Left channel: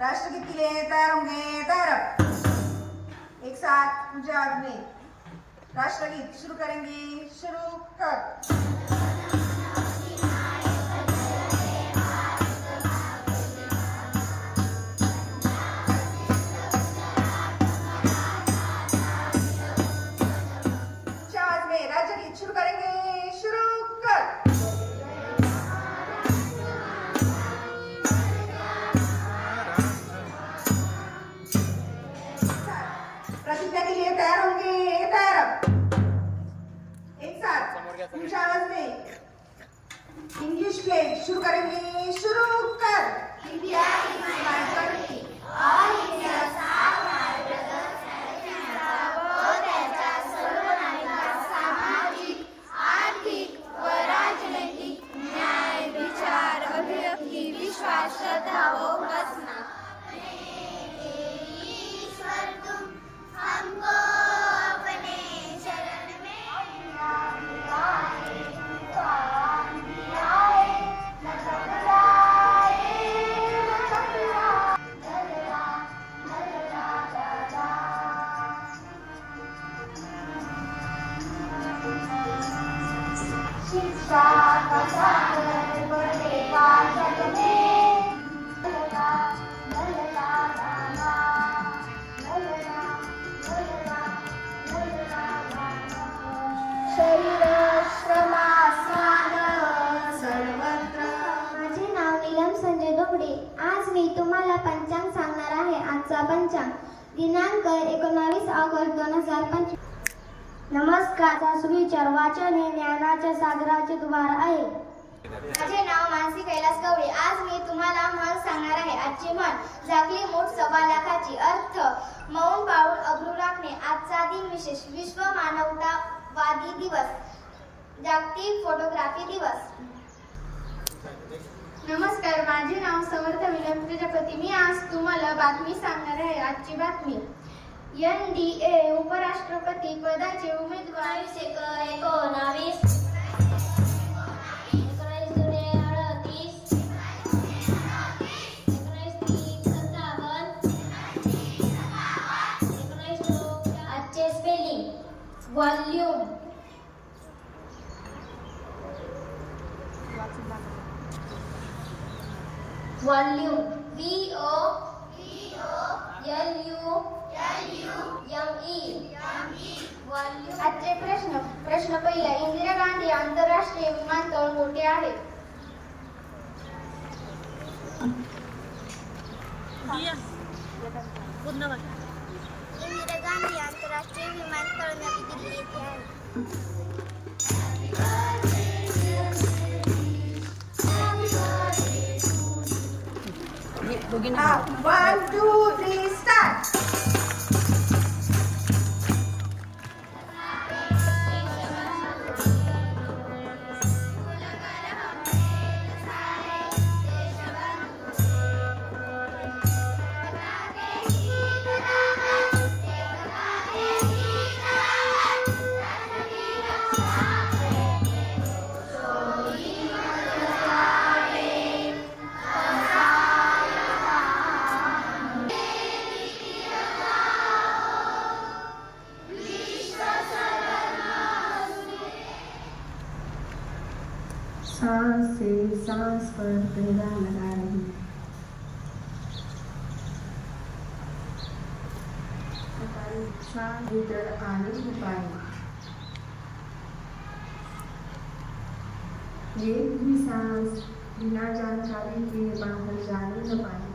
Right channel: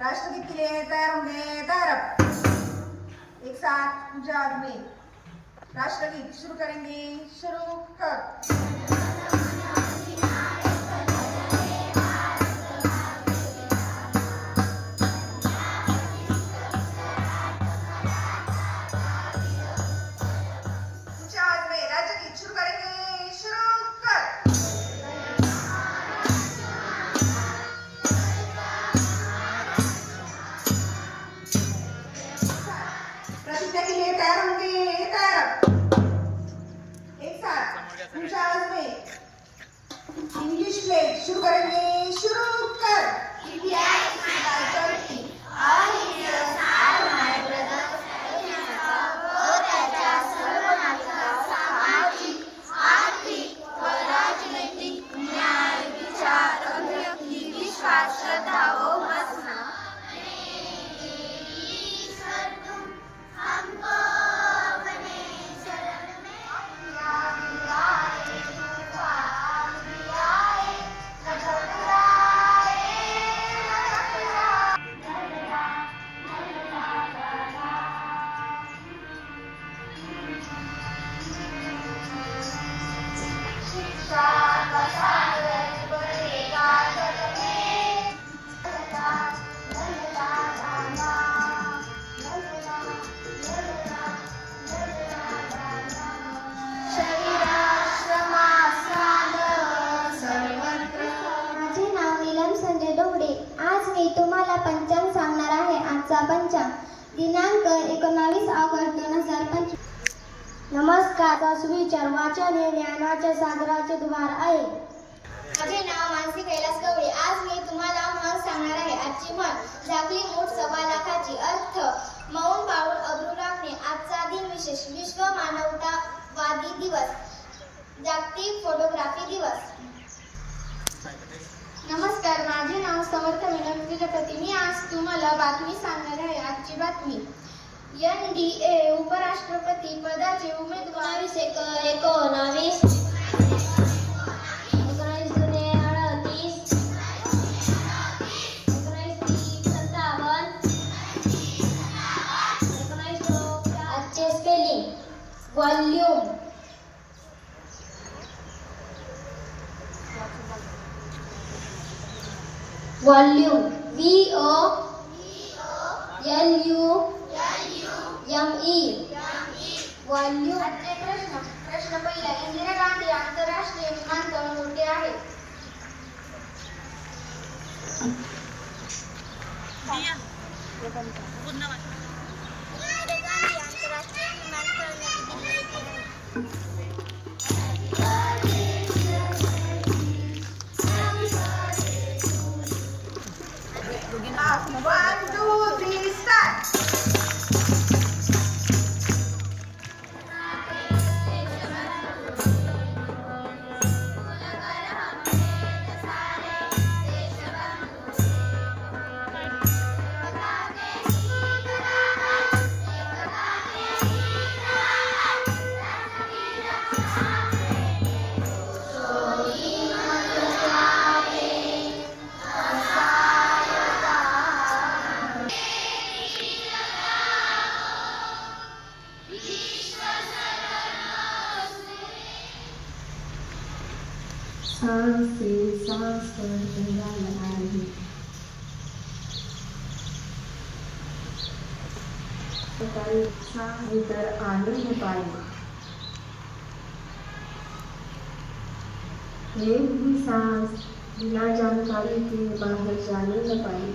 राष्ट्रगीत के लिए तैयार होंगे तैयार अब एक साथ जग राष्ट्र राष्ट्रगीत शुरू करेंगे शुरू कर. प्रतिज्ञा के लिए तैयार होंगे तैयार हो. एक साथ ऊंचा आवाज में इंग्लिश प्ले शुरू करेंगे शुरू कर. India is my Sanjay all आज मी तुम्हाला पंचांग सांगणार आहे आजचा पंचांग. दिनांक एकोणावीस ऑगस्ट दोन हजार पंचवीस. नमस्कार सुविचार वाचन हे ज्ञानाच्या सागराचे द्वार आहे. माझे नाव मानसी कैलास गवळी. आज मी तुम्हाला म्हण सांगणार आहे. आजची म्हण झाकली मूठ सव्वा लाखाची. अर्थ मौन पाऊल अब्रू राखणे. आजचा दिन विशेष. विश्व मानवतावादी दिवस. जागतिक फोटोग्राफी दिवस. नमस्कार माझे नाव समर्थ विनोद प्रजापती मी आज तुम्हाला बातमी सांगणार आहे. आजची बातमी. एन डी ए उपराष्ट्रपती पदाचे उमेदवार एकोणावीस आजचे spelling volume volume V O आजचे प्रश्न प्रश्न पहिला इंदिरा गांधी आंतरराष्ट्रीय विमानतळ कोठे आहे? इंदिरा गांधी आंतरराष्ट्रीय विमानतळ सांस से सांस पर पहरा लगा रही। सांस भीतर आने ही पाई ये भी सांस बिना जानकारी के बाहर जाने न पाई